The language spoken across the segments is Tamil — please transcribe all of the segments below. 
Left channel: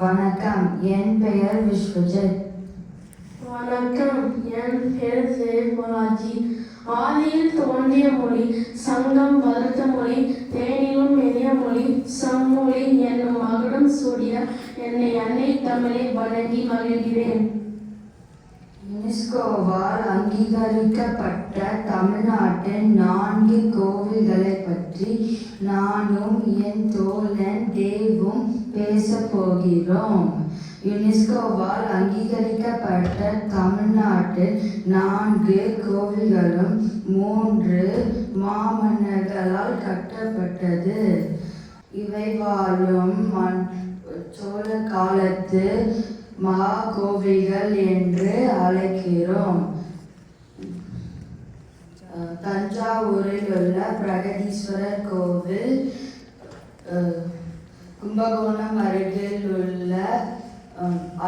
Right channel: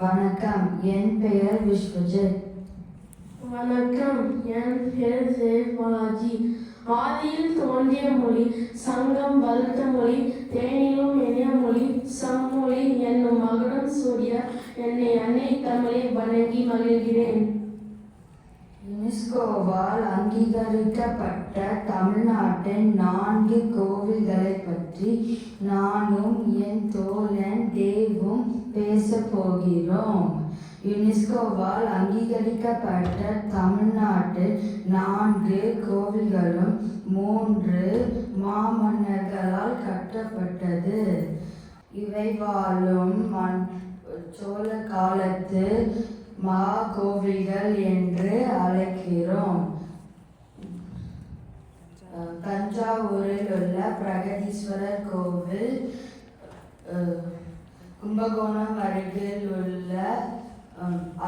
வணக்கம், என் பெயர் விஸ்வஜித். வணக்கம், என் பெயர் தேவ்பாலாஜி. ஆதியில் தோன்றிய மொழி சங்கம் வளர்த்த மொழி தேனிலும் இனிய மொழி செம்மொழி என்னும் மகுடம் சூடிய என்னை அன்னை தமிழை வணங்கி மகிழ்கிறேன். யுனெஸ்கோவால் அங்கீகரிக்கப்பட்ட தமிழ்நாட்டின் 4 கோவில்களை பற்றி நானும் என் தோழன் தேவும் பேசப் போகிறோம். யுனெஸ்கோவால் அங்கீகரிக்கப்பட்ட தமிழ்நாட்டில் 4 கோவில்களும் 3 மாமன்னர்களால் கட்டப்பட்டது. இவை வாழும் சோழ காலத்து கோவில்கள் என்று அழைக்கிறோம். தஞ்சாவூரில் உள்ள பிரகதீஸ்வரர் கோவில், கும்பகோணம் அருகில் உள்ள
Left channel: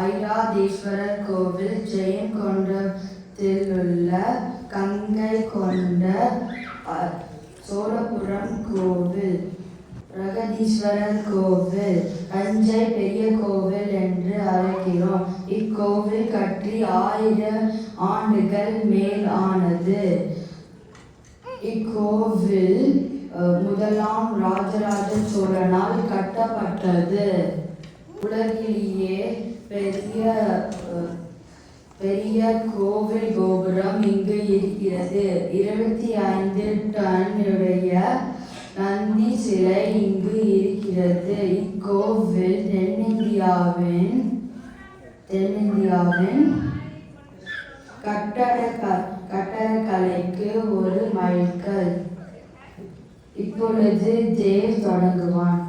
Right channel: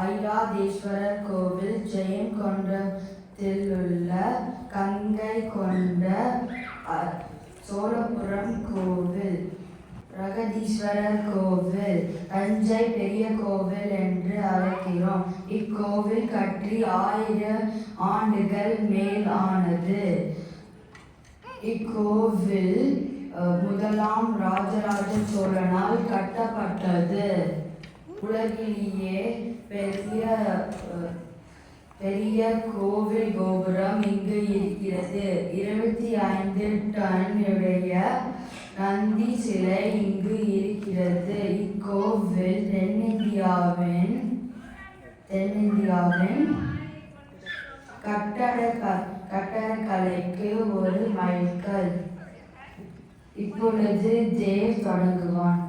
ஐராதேஸ்வரர் கோவில், ஜெயங்கொண்டத்தில் உள்ள கங்கை கொண்ட சோழபுரம் கோவில், பிரகதீஸ்வரர் கோவில், தஞ்சை பெரிய கோவில் என்று அழைக்கிறோம். இக்கோவில் கட்டி 1000 ஆண்டுகள் மேல் ஆனது. இக்கோவில் முதலாம் ராஜராஜ சோழனால் கட்டப்பட்டது. உலகிலேயே பெரிய கோவில் கோபுரம் இங்கு இருக்கிறது. 25 டன் உடைய நந்தி சிலை இங்கு இருக்கிறது. இக்கோவில் தென்னிந்தியாவின் கட்டடக்கலைக்கு ஒரு மைல்கல். இப்பொழுது தேவ் தொடங்குவான்.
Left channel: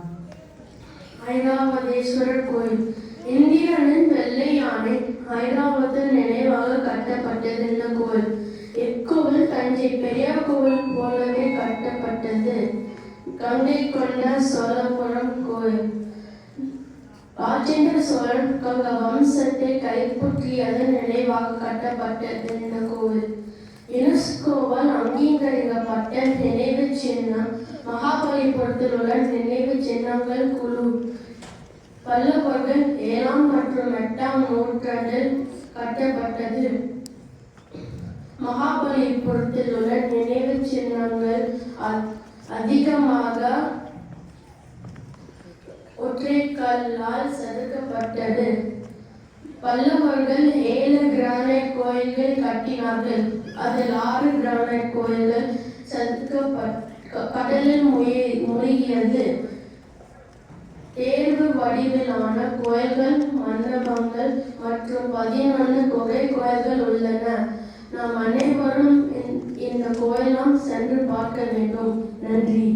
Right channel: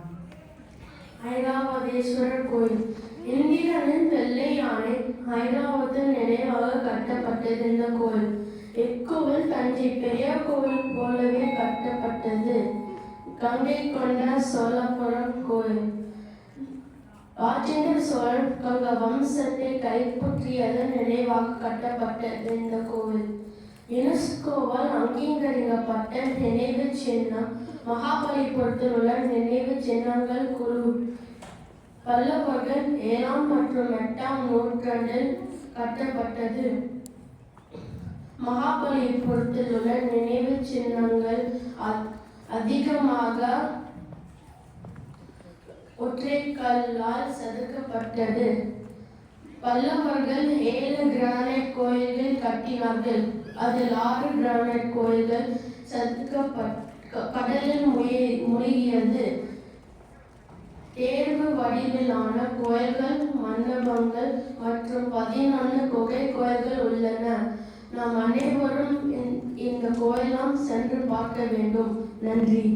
ஐராவதேஸ்வரர் கோயில் இந்திரனின் வெள்ளை யானை ஐராவதம் நினைவாக கட்டப்பட்டது இந்த கோயில். இக்கோவில் தஞ்சை பெரிய கோவில் போலவே கட்டப்பட்டது. கங்கை கொண்ட சோழபுரம் கோயில் ராஜேந்திர சோழன் வம்சத்தை கைப்பற்றியது நினைவாக கட்டப்பட்டது இந்த கோவில். யுனெஸ்கோவால் அங்கீகரிக்கப்பட்ட நினைவு சின்னம் மகாபலிபுரத்தில் உள்ள நினைவு சின்னங்கள் குழு. பல்லவர்கள் 7ஆம் மற்றும் 8ஆம் நூற்றாண்டில் கட்டப்பட்டது. மகாபலிபுரத்தில் உள்ள நினைவு சின்னங்கள் அதிகமாக ஒற்றைக்கல்லால் செதுக்கப்பட்டது. பல்லவர்கள் 7 கிரானைட் கோயில்கள் கட்டினார்கள். அதில் 6 கிரானைட் கோயில்கள் கடலில் மூழ்கியது. தேர்வு வடிவிலான கோயில்கள், மண்டபங்கள் மற்றும் 11 குகை கோயில்கள் உள்ளன. நாம் அனைவரும் இந்த கோயிலாம் சென்று பார்க்க வேண்டும். நன்றி.